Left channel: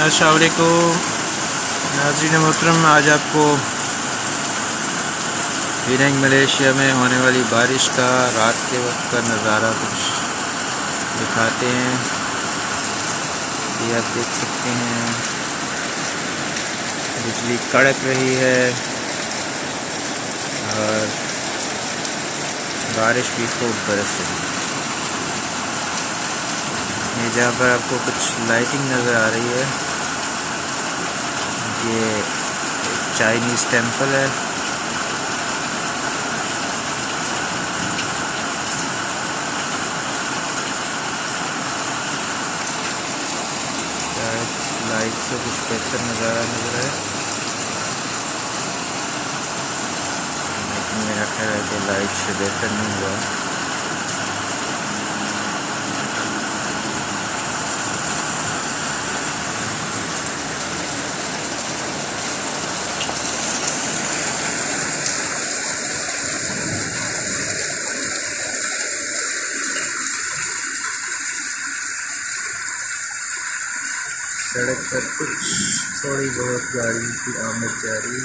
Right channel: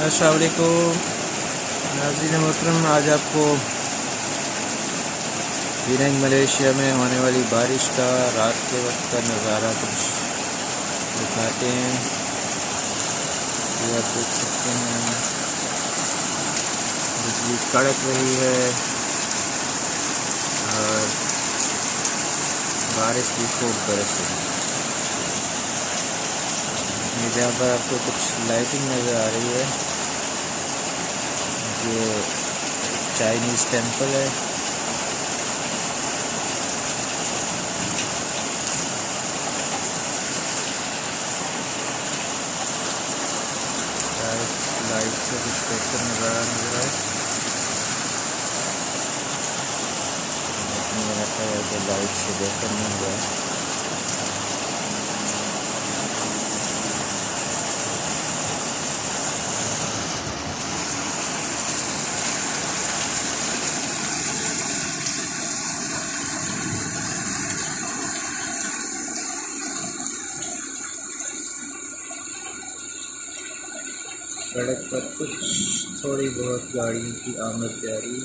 अस्सलाम वालेकुम नाज़रीन मोहतरम, आज आपको पेनांग मलेशिया में होने वाली बारिश का रात के वक्त का नज़ारा कुछ दिखाते हैं। ये आप देख सकते हैं, बिजली कड़क रही है और बारिश भी खूब बरस रही है। ये जहाँ पर आपको कुछ लाइटिंग नज़र आ रही है, ये चाइनीज़ टेंपल है। लाइट से कुछ बेहतर नज़ारा नजर आए, लेकिन मेरा ख्याल है कि लाइट से बेहतर नहीं हुआ। सड़क पर कुछ थोड़ी बहुत गाड़ियों की आमद जारी।